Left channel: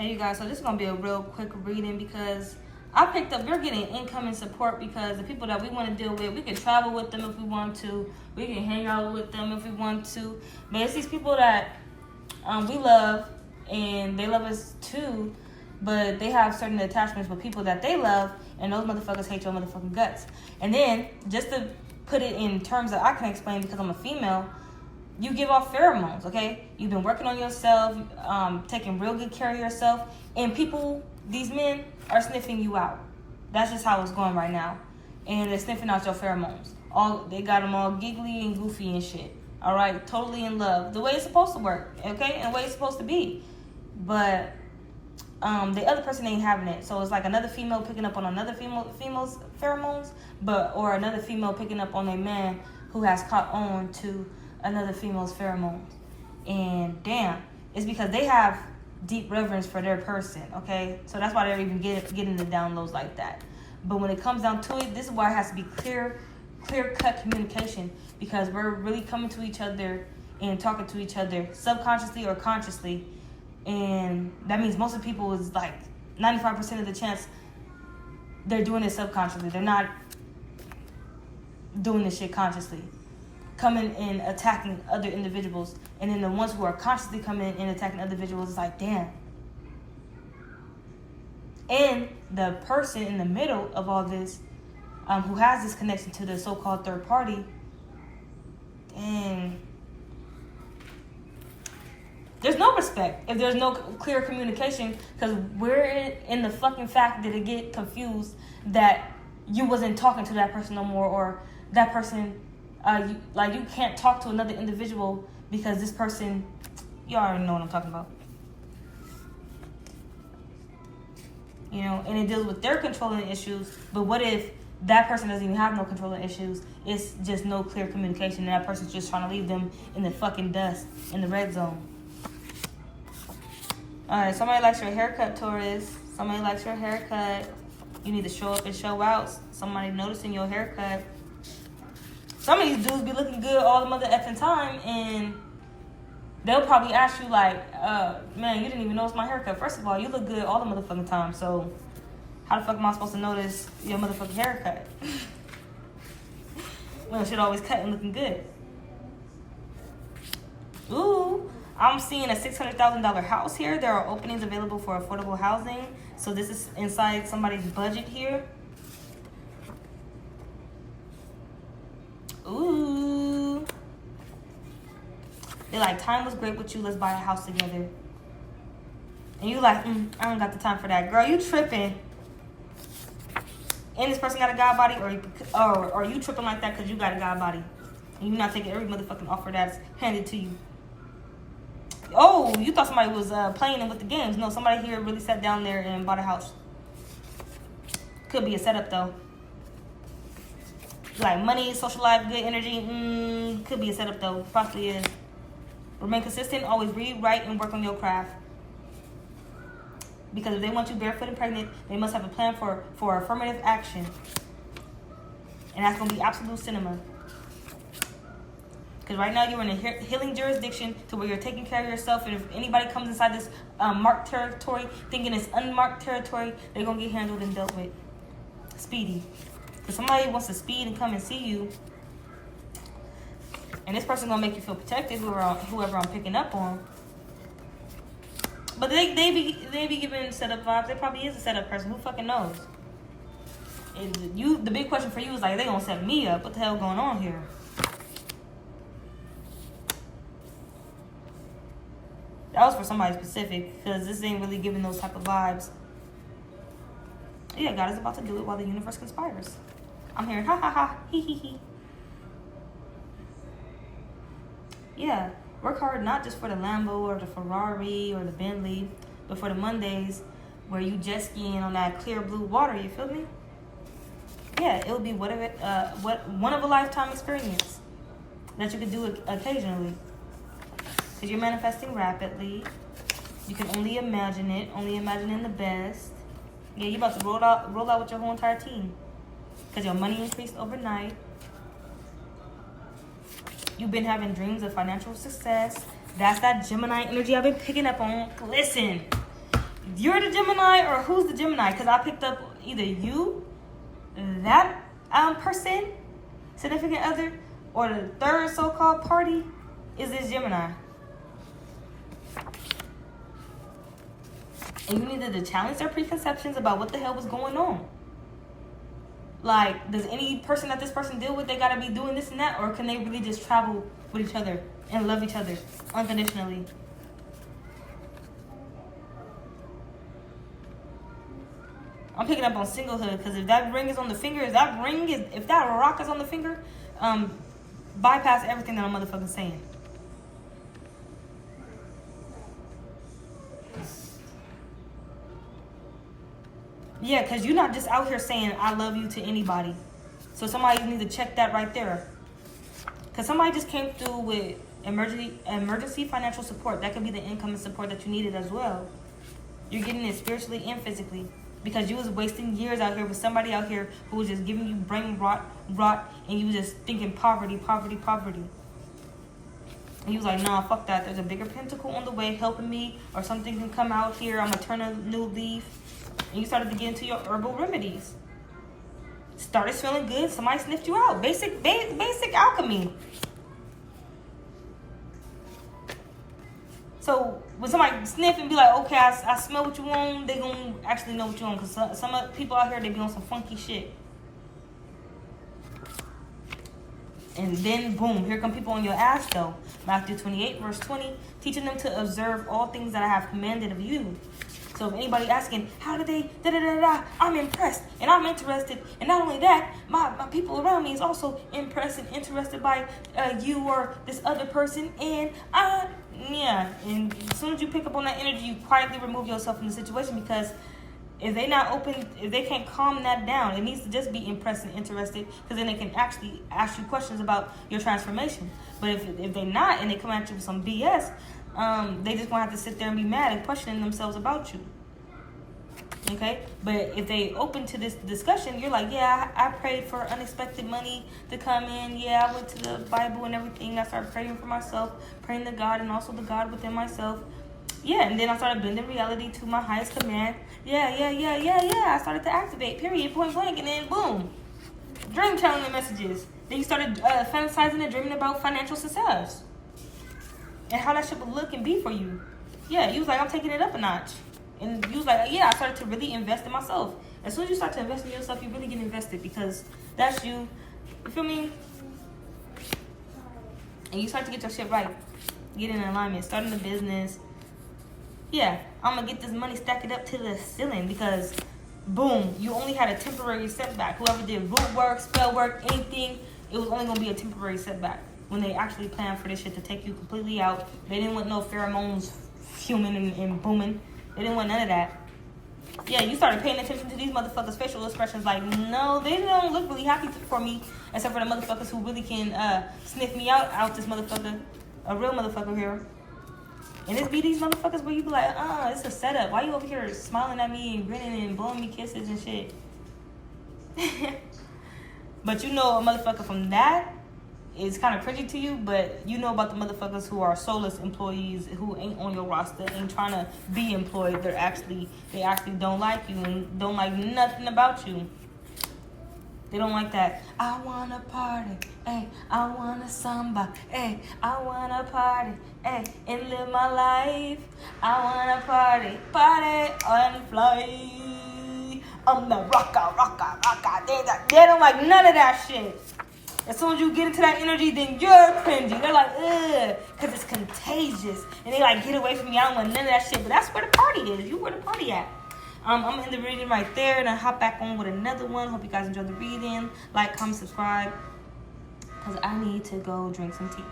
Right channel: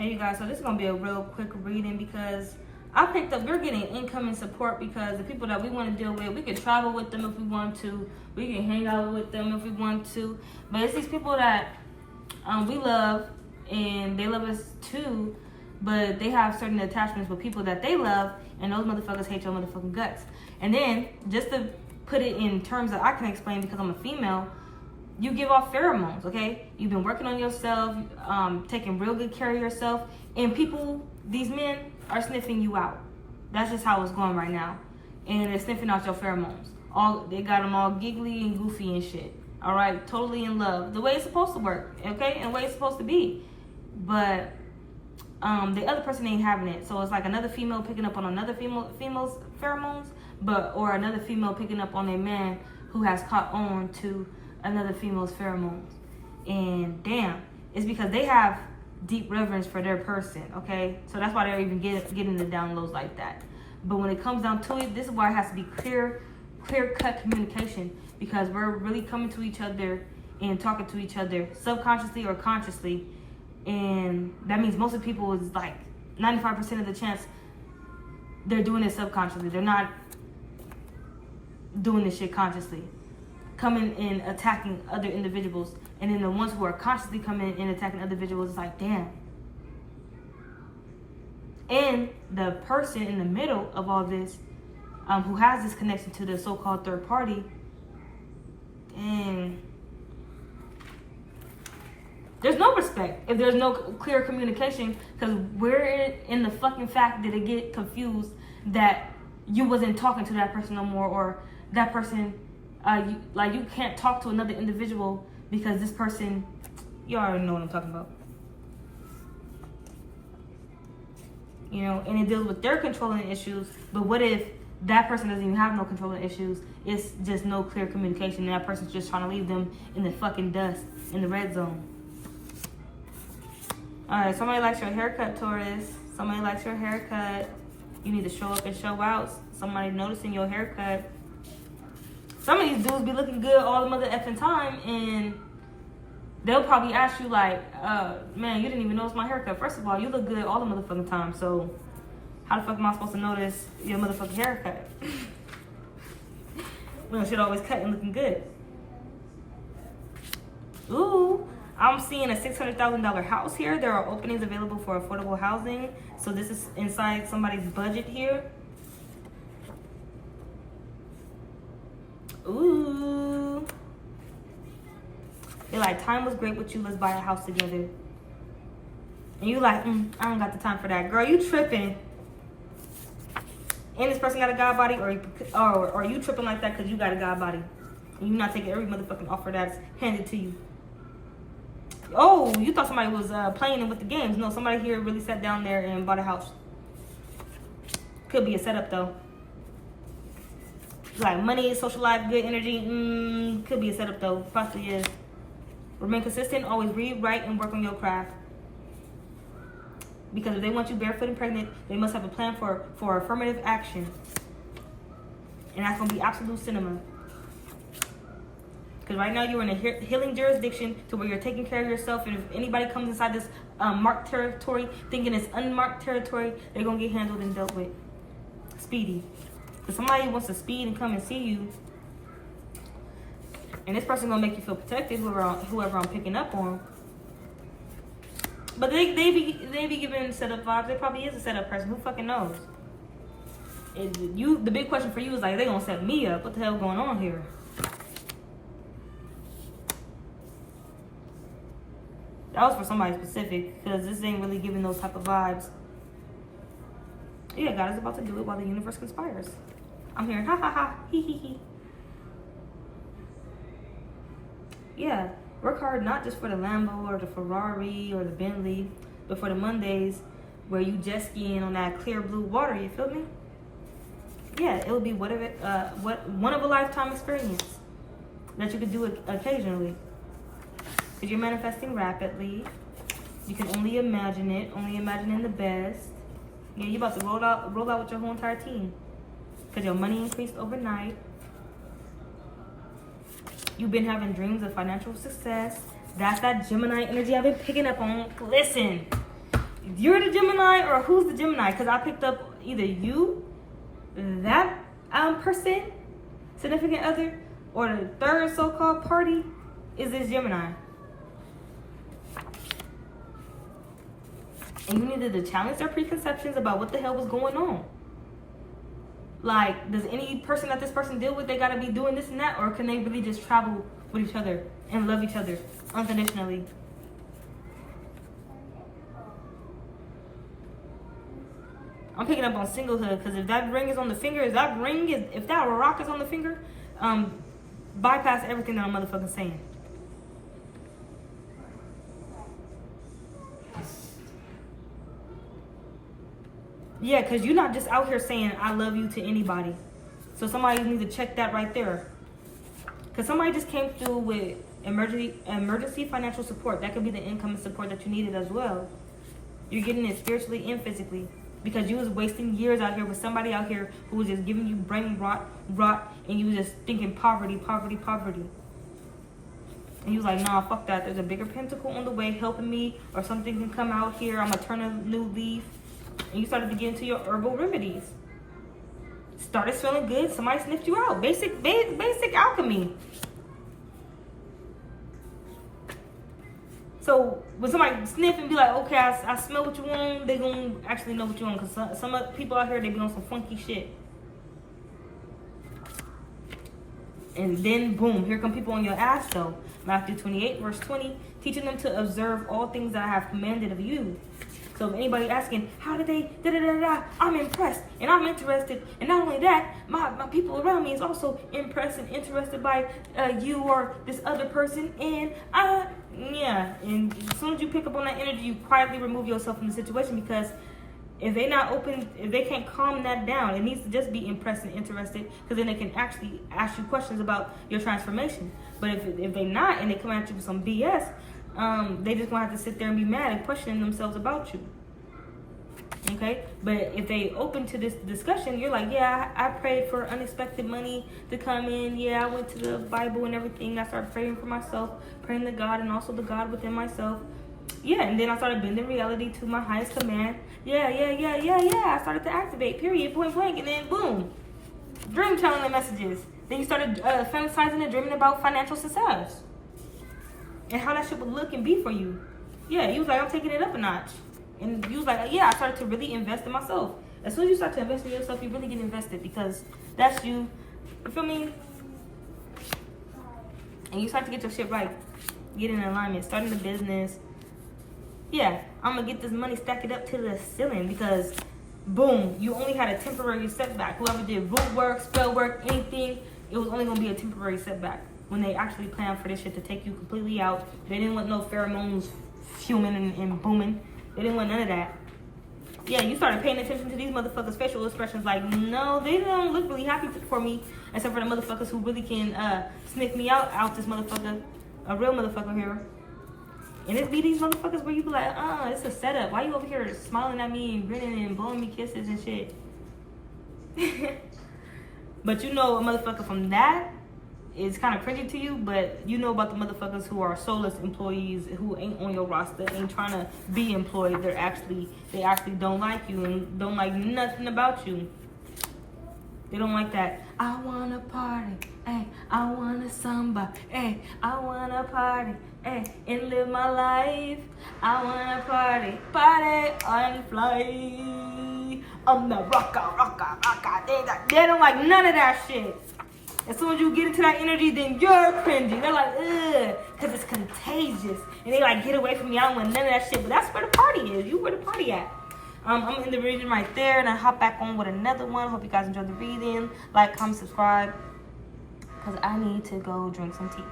Hey you guys, so this is gonna be a real quick reading because I picked up, we're getting incoming support because the people that we want to deal with, we can travel with them if we want to, we can hang out with them if we want to, but it's these people that we love and they love us too, but they have certain attachments with people that they love, and those motherfuckers hate your motherfucking guts. And then, just to put it in terms that I can explain because I'm a female, you give off pheromones, okay? You've been working on yourself, taking real good care of yourself, and people, these men, are sniffing you out. That's just how it's going right now. And they're sniffing out your pheromones. They got them all giggly and goofy and shit. All right, totally in love. The way it's supposed to work, okay? And the way it's supposed to be. But the other person ain't having it. So it's like another female picking up on another female's pheromones, or another female picking up on a man who has caught on to another female's pheromones. And damn, it's because they have deep reverence for their person, okay? So that's why they're even getting the downloads like that. But when it comes down to it, this is why it has to be clear-cut communication, because we're really coming to each other and talking to each other subconsciously or consciously. And that means most of the people is like 95% of the chance they're doing it subconsciously. They're not doing this shit consciously. Coming and attacking other individuals, and then the ones who are consciously coming and attacking other individuals is like, damn. And the person in the middle of all this, who has this connection to the so-called third party, and there's no respect if there's no clear communication, because we're in the fucking fact that it get confused that you wasn't talking to that person no more, or that person, you can't talk to another individual because this person, you already know what I'm talking about. You know, and it deals with their controlling issues, but what if that person doesn't even have no controlling issues? It's just no clear communication, and that person's just trying to leave them in the fucking dust, in the red zone. Alright, somebody likes your haircut, Taurus. Somebody likes your haircut. You need to show up and show out. Somebody noticing your haircut. Some of these dudes be looking good all the mother effing time, and they'll probably ask you like, man, you didn't even notice my haircut. First of all, you look good all the motherfucking time, so how the fuck am I supposed to notice your motherfucking haircut? Well, shit always cut and looking good. Ooh, I'm seeing a $600,000 house here. There are openings available for affordable housing. So this is inside somebody's budget here. Ooh. They're like, time was great with you. Let's buy a house together. And you like, I don't got the time for that. Girl, you tripping. And this person got a god body, or you tripping like that because you got a god body. And you're not taking every motherfucking offer that's handed to you. Oh, you thought somebody was playing with the games. No, somebody here really sat down there and bought a house. Could be a setup though. Like money, social life, good energy. Could be a setup though. Possibly is. Remain consistent. Always read, write, and work on your craft. Because if they want you barefoot and pregnant, they must have a plan for affirmative action. And that's going to be absolute cinema. Because right now you're in a healing jurisdiction to where you're taking care of yourself. And if anybody comes inside this marked territory thinking it's unmarked territory, they're going to get handled and dealt with. Speedy. Because somebody wants to speed and come and see you. And this person's going to make you feel protected, whoever I'm picking up on. But they be giving setup vibes. They probably is a setup person. Who fucking knows? The big question for you is like, they gonna set me up. What the hell going on here? That was for somebody specific, because this ain't really giving those type of vibes. Yeah, God is about to do it while the universe conspires. I'm hearing ha ha ha, he he he. Yeah. Work hard not just for the Lambo or the Ferrari or the Bentley, but for the Mondays where you jet skiing on that clear blue water, you feel me? Yeah, it will be one of a lifetime experience that you could do it occasionally. Because you're manifesting rapidly. You can only imagine it, only imagining the best. Yeah, you're about to roll out with your whole entire team. Because your money increased overnight. You've been having dreams of financial success. That's that Gemini energy I've been picking up on. Listen, you're the Gemini or who's the Gemini? Because I picked up either you, that person, significant other, or the third so-called party is this Gemini. And you needed to challenge their preconceptions about what the hell was going on. Like, does any person that this person deal with, they gotta be doing this and that, or can they really just travel with each other and love each other unconditionally? I'm picking up on singlehood, because if that ring is on the finger, if that rock is on the finger, bypass everything that I'm motherfucking saying. Yeah, because you're not just out here saying I love you to anybody. So somebody needs to check that right there. Because somebody just came through with emergency financial support. That could be the income and support that you needed as well. You're getting it spiritually and physically. Because you was wasting years out here with somebody out here who was just giving you brain rot, and you was just thinking poverty. And you was like, nah, fuck that. There's a bigger pentacle on the way helping me, or something can come out here. I'm going to turn a new leaf. And you started to get into your herbal remedies. Started feeling good. Somebody sniffed you out. Basic alchemy. So when somebody sniff and be like, okay, I smell what you want, they gonna actually know what you want. Because some people out here, they be on some funky shit. And then boom, here come people on your ass though. Matthew 28 verse 20, teaching them to observe all things that I have commanded of you. So if anybody asking, how did they, I'm impressed and I'm interested. And not only that, my people around me is also impressed and interested by you or this other person. And yeah, and as soon as you pick up on that energy, you quietly remove yourself from the situation, because if they not open, if they can't calm that down, it needs to just be impressed and interested, because then they can actually ask you questions about your transformation. But if they not, and they come at you with some BS, they just gonna have to sit there and be mad and questioning themselves about you. Okay, but if they open to this discussion, you're like, yeah, I prayed for unexpected money to come in. Yeah, I went to the Bible and everything. I started praying for myself, praying to God and also the God within myself. Yeah, and then I started bending reality to my highest command. Yeah. I started to activate, period, point blank, and then boom, dream channeling messages. Then you started fantasizing and dreaming about financial success and how that shit would look and be for you. Yeah, you was like, I'm taking it up a notch. And you was like, yeah, I started to really invest in myself. As soon as you start to invest in yourself, you really get invested, because that's you. You feel me? And you start to get your shit right. Get in alignment. Starting a business. Yeah, I'm going to get this money, stack it up to the ceiling, because boom, you only had a temporary setback. Whoever did root work, spell work, anything, it was only going to be a temporary setback. When they actually planned for this shit to take you completely out. They didn't want no pheromones fuming and booming. They didn't want none of that. Yeah, you started paying attention to these motherfuckers' facial expressions. Like, no, they don't look really happy for me, except for the motherfuckers who really can sniff me out this motherfucker. A real motherfucker here. And it's be these motherfuckers where you be like, it's a setup. Why you over here smiling at me and grinning and blowing me kisses and shit? But you know a motherfucker from that is kind of cringy to you, but you know about the motherfuckers who are soulless employees who ain't on your roster, ain't trying to be employed. They actually don't like you and don't like nothing about you. They don't like that. I wanna party, ay, I wanna samba, ay, I wanna party, ay, and live my life. I wanna party and fly. I'm the rocker. They don't like none of that shit. As soon as you get into that energy, then you're cringing. They're like, ugh, because it's contagious. And they like, get away from me. I don't want none of that shit. But that's where the party is. You where the party at. I'm in the reading right there. And I hop back on with another one. Hope you guys enjoyed the reading. Like, comment, subscribe. Because I need to go drink some tea.